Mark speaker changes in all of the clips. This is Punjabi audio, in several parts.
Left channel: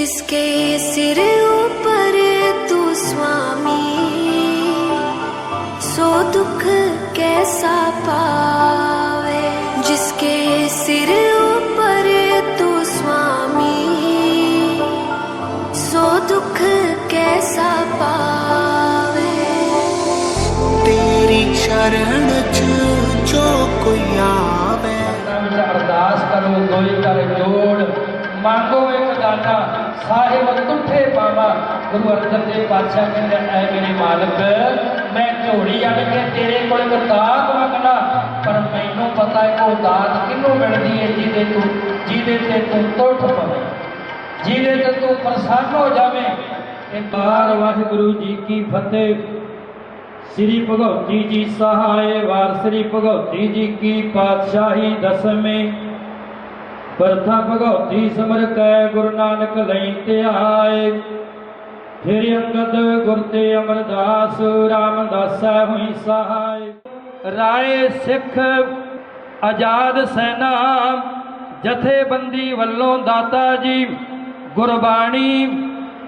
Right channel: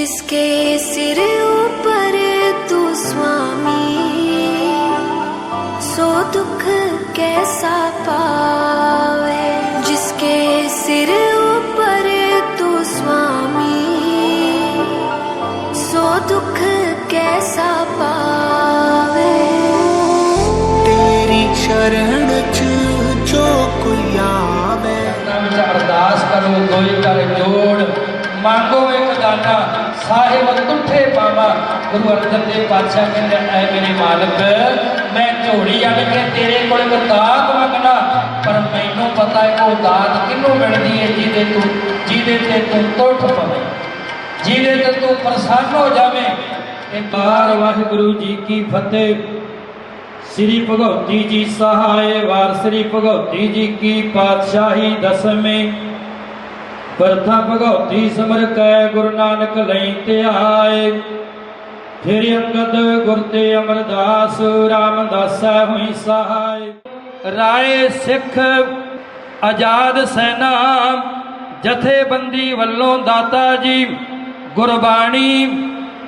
Speaker 1: जिसके सिर ऊपर तू स्वामी सो दुख कैसा पावे जिसके सिर ऊपर तू स्वामी सो दुख कैसा पावे
Speaker 2: तेरी शरण च जो
Speaker 3: कोई आवे अरदास करो कोई कर जोड़ मांगो एक दाना ਸਾਹਿਬ ਤੁਠੇ ਪਾਵਾ, ਗੁਰੂ ਅਰਜਨ ਦੇਵ ਪਾਤਸ਼ਾਹ ਕਹਿੰਦੇ ਐ ਮੇਰੇ ਮਾਲਕ, ਮੈਂ ਝੋੜੀ ਆਣ ਕੇ ਤੇਰੇ ਕੋਲ ਇੱਕ ਦਾਤ ਮੰਗਣਾ ਪਰ ਮੈਨੂੰ ਪਤਾ ਹੈ ਉਹ ਦਾਤ ਕਿਹਨੂੰ ਮਿਲਦੀ ਹੈ, ਜਿਹਦੇ ਤੂੰ, ਜਿਹਦੇ ਤੇ ਤੂੰ ਤੁਠ ਪਵੇਂ, ਜਿਹਦੇ ਤੇ ਤੂੰ ਪ੍ਰਸੰਨ ਹੋ ਜਾਵੇਂ। ਇਹ ਬਾਰ ਵਾਹਿਗੁਰੂ ਜੀ ਕੀ ਫਤਿਹ। ਸ੍ਰੀ ਭਗਵਤੀ ਜੀ ਸਹਾਏ ਵਾਰ, ਸ੍ਰੀ ਭਗਵਤੀ ਜੀ ਕੀ ਪਾਤਸ਼ਾਹੀ ਦਸਵੇਂ ਪ੍ਰਥਾ ਭਗਵਤੀ ਸਮਰ ਕੈ ਗੁਰੂ ਨਾਨਕ ਲਈ ਧਿਆਏ ਫਿਰ ਅੰਗਦ ਗੁਰ ਤੇ ਅਮਰਦਾਸ, ਰਾਮਦਾਸਾ ਹੋਈ ਸਹਾਇ ਰਾਏ ਸਿੱਖ ਆਜ਼ਾਦ ਸੈਨਾ, ਜਥੇਬੰਦੀ ਵੱਲੋਂ ਦਾਤਾ ਜੀ, ਗੁਰਬਾਣੀ,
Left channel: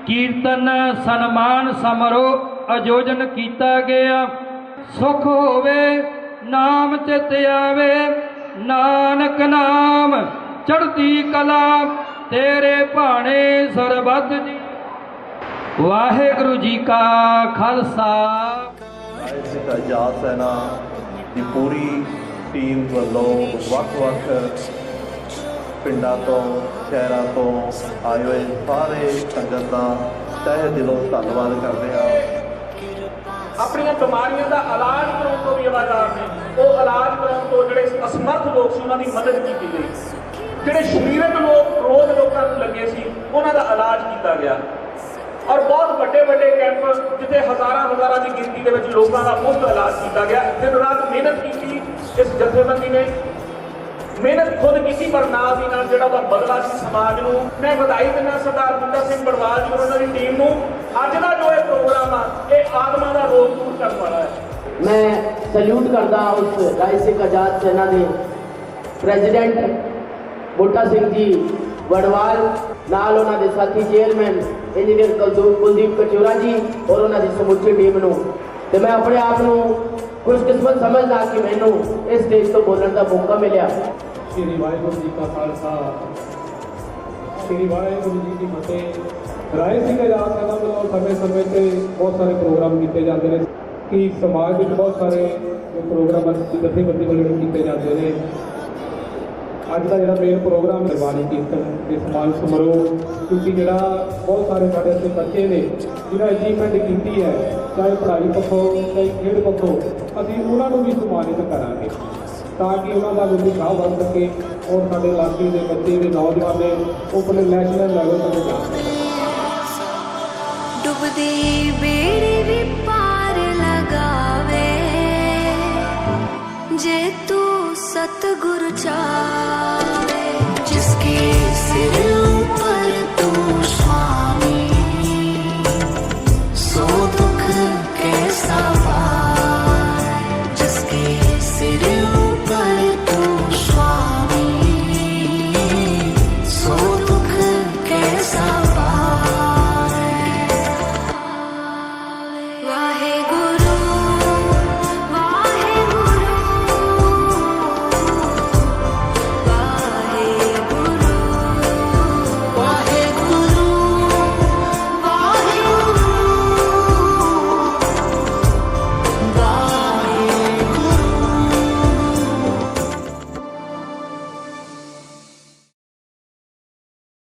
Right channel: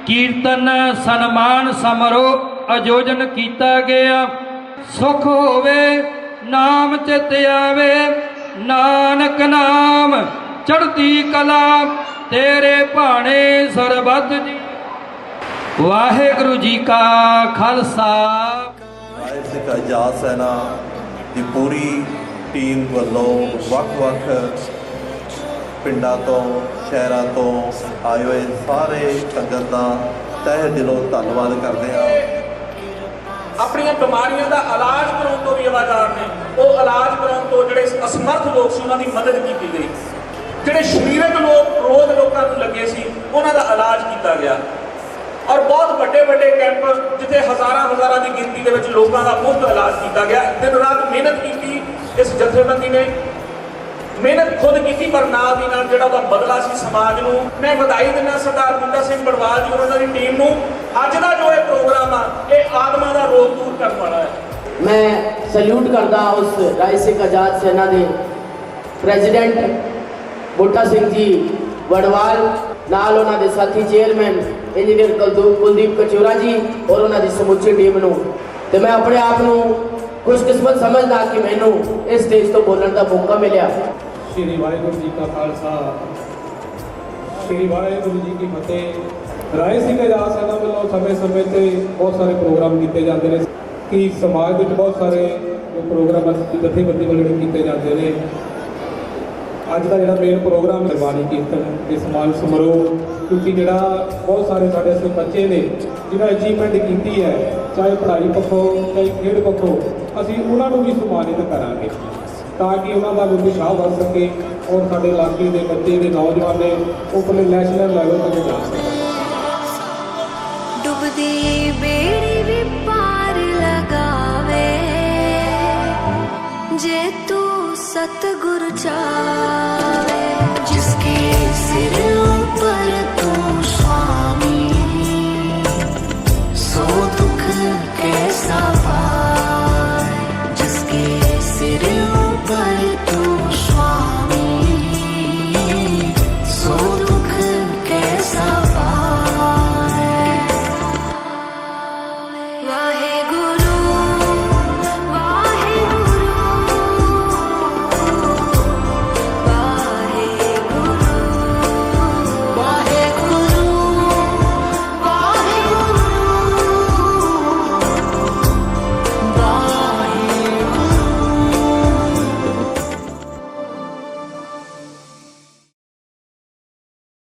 Speaker 3: ਕੀਰਤਨ, ਸਨਮਾਨ ਸਮਾਰੋਹ ਆਯੋਜਨ ਕੀਤਾ ਗਿਆ। ਸੁਖ ਹੋਵੇ, ਨਾਮ ਚਿਤ ਆਵੇ, ਨਾਨਕ ਨਾਮ। ਚੜ੍ਹਦੀ ਕਲਾ ਤੇਰੇ ਭਾਣੇ ਸਰਬੱਤ ਜੀ ਵਾਹਿਗੁਰੂ ਜੀ ਕਾ ਖਾਲਸਾ।
Speaker 4: ਸਿੱਖ ਆਜ਼ਾਦ ਸੈਨਾ ਦੀ ਪੂਰੀ ਟੀਮ ਵੱਲੋਂ ਵੱਖ-ਵੱਖ ਪਿੰਡਾਂ ਤੋਂ ਸ਼ਹਿਰਾਂ ਤੋਂ ਆਏ ਹੋਏ ਸਾਰੇ ਸੰਗਤ ਦਾ ਤਹਿ ਦਿਲੋਂ ਧੰਨਵਾਦ ਕਰਦੇ ਹਾਂ।
Speaker 5: ਆਪਣੀਆਂ ਬਿਮਾਰੀਆਂ ਦਾ ਇਲਾਜ ਕਰਾਉਣ ਤੋਂ ਵੀ ਅਲਾਕਾਰ ਨੇ ਉਹ ਇਲਾਜ ਕਰਾਉਣ ਤੋਂ ਜਿਹੜੇ ਅਸਮਰਥ ਲੋਕ ਸੀ ਉਹਨਾਂ ਦੀ ਮਦਦ ਕੀਤੀ ਗਈ। ਜਿਹੜੇ ਸਰੀਰਕ ਲੋਕ, ਰੋਜ਼ ਲੋਕਾਂ ਨੂੰ ਲੱਗੇ ਸੀ, ਉਹਨਾਂ ਦਾ ਇਲਾਜ ਕੀਤਾ ਗਿਆ। ਔਰ ਬਹੁਤ ਵੱਡੇ ਵੱਡੇ ਕੈਂਪ, ਜਿੱਥੇ ਹਜ਼ਾਰਾਂ ਹਜ਼ਾਰਾਂ ਦੀ ਗਿਣਤੀ ਦੇ ਵਿੱਚ ਲੋਕਾਂ ਦਾ ਮੁਫਤ ਇਲਾਜ ਕੀਤਾ ਗਿਆ। ਦਿਨ ਰਾਤ ਮਿਹਨਤ ਕੀਤੀ ਇਸ ਜਥੇਬੰਦੀ ਨੇ। ਮਿਹਨਤ ਖੁਦ ਕੀਤੀ, ਪਰ ਨਾਲ ਦੀ ਨਾਲ ਜਿਹੜਾ ਉਹਦਾ ਬਦਲਾ ਸੀ ਸਮਾਜ ਨੂੰ। ਮੈਂ ਵਧਾਈ ਦਿੰਦਾ, ਸਰਦਾਰ ਬੁੱਢਾ ਸਿੰਘ ਬੜਵਾਲ ਜੀ ਉਹਨਾਂ ਦੀ ਟੀਮ ਨੂੰ। ਅੱਜ ਦਾ ਜੋ ਇਹ ਪ੍ਰੋਗਰਾਮ ਆ, ਇਹ ਆਤਮਾ ਦਾ ਰੋਗ ਦੂਰ ਕਰਨ ਵਾਲਾ ਹੈ।
Speaker 6: ਮੈਂ ਸਲੂਟ ਕਰਦਾ ਉਸ ਰਾਏ ਸਿੰਘ ਆਜ਼ਾਦ ਸੈਨਾ ਦੇ ਪ੍ਰੈਜ਼ੀਡੈਂਟ ਬੂਟਾ ਸਿੰਘ ਜੀ, ਵੜਵਾਲ, ਨਾਲ ਉਹਨਾਂ ਦੇ ਸਾਥੀ ਚੇਅਰਮੈਨ ਇੰਜੀਨੀਅਰ ਕੁਲਦੀਪ ਕੁਲਦੀਪ ਕਚੋਰਾ ਜੀ ਔਰ ਉਹਨਾਂ ਦੀ ਸਮੁੱਚੀ ਟੀਮ ਨੂੰ। ਤੇ ਮੈਂ ਆਪਣੇ ਆਪ ਨੂੰ ਖੁਸ਼ਕਿਸਮਤ ਸਮਝਦਾ ਕਿ ਮੈਨੂੰ ਇਸ ਸਟੇਜ ਤੋਂ ਬੋਲਣ ਦਾ ਮੌਕਾ ਮਿਲਿਆ।
Speaker 7: ਸ਼੍ਰੀ ਵਾਹਿਗੁਰੂ ਜੀ ਕਾ ਖਾਲਸਾ। ਸ਼੍ਰੀ ਵਾਹਿਗੁਰੂ ਜੀ ਕੀ ਫਤਿਹ। ਰਾਏ ਸਿੰਘ ਆਜ਼ਾਦ ਸੈਨਾ ਵੱਲੋਂ ਸਮੇਂ-ਸਮੇਂ ਤੇ ਬਹੁਤ ਸਾਰੇ ਪ੍ਰੋਗਰਾਮ ਕੀਤੇ ਜਾਂਦੇ ਨੇ। ਕਿ ਸਮਾਜ ਵਿੱਚ ਬਹੁਤ ਸਾਰੇ ਪ੍ਰੋਗਰਾਮ ਜਥੇਬੰਦੀ ਵੱਲੋਂ ਕੀਤੇ ਜਾਂਦੇ ਨੇ। ਅੱਜ ਦਾ ਜਿਹੜਾ ਮੇਨ ਪ੍ਰੋਗਰਾਮ ਹੈ ਕੀਰਤਨ ਤੇ ਸਮਾਨ ਸਮਾਰੋਹ, ਕਿਉਂਕਿ ਜਿਹੜਾ ਬਹੁਤ ਸਾਰੇ ਸਾਡੇ ਇੱਥੇ ਬੱਚੇ ਨੇ ਜਿਹੜਾ ਅਚੀਵਮੈਂਟ ਕੀਤੀ ਹੈ, ਚਾਹੇ ਪੜ੍ਹਾਈ ਪੱਖੋਂ, ਚਾਹੇ ਖੇਡ ਪੱਖੋਂ, ਅਸੀਂ ਉਹਨਾਂ ਨੂੰ ਵੀ ਸਨਮਾਨਿਤ ਕਰਾਂਗੇ ਤਾਂ ਕਿ ਉਹਨਾਂ ਦਾ ਵੀ ਉਤਸ਼ਾਹ ਵੱਧ ਸਕੇ ਔਰ ਸਾਡੇ ਇਲਾਕੇ ਦੇ ਬੱਚੇ ਦੇ ਨੌਜਵਾਨ ਨੇ ਉਹ ਆਪਣੇ ਨੈਸ਼ਨਲ ਲੈਵਲ ਤੱਕ ਜਾ ਸਕਣ।
Speaker 1: ਡੁੱਬਦੀ सतगुरु चाहे जिसके सिर ऊपर तू स्वामी सो दुख कैसा पाए
Speaker 2: जिसके सिर ऊपर तू स्वामी सो दुख कैसा पाए वाहे गुरु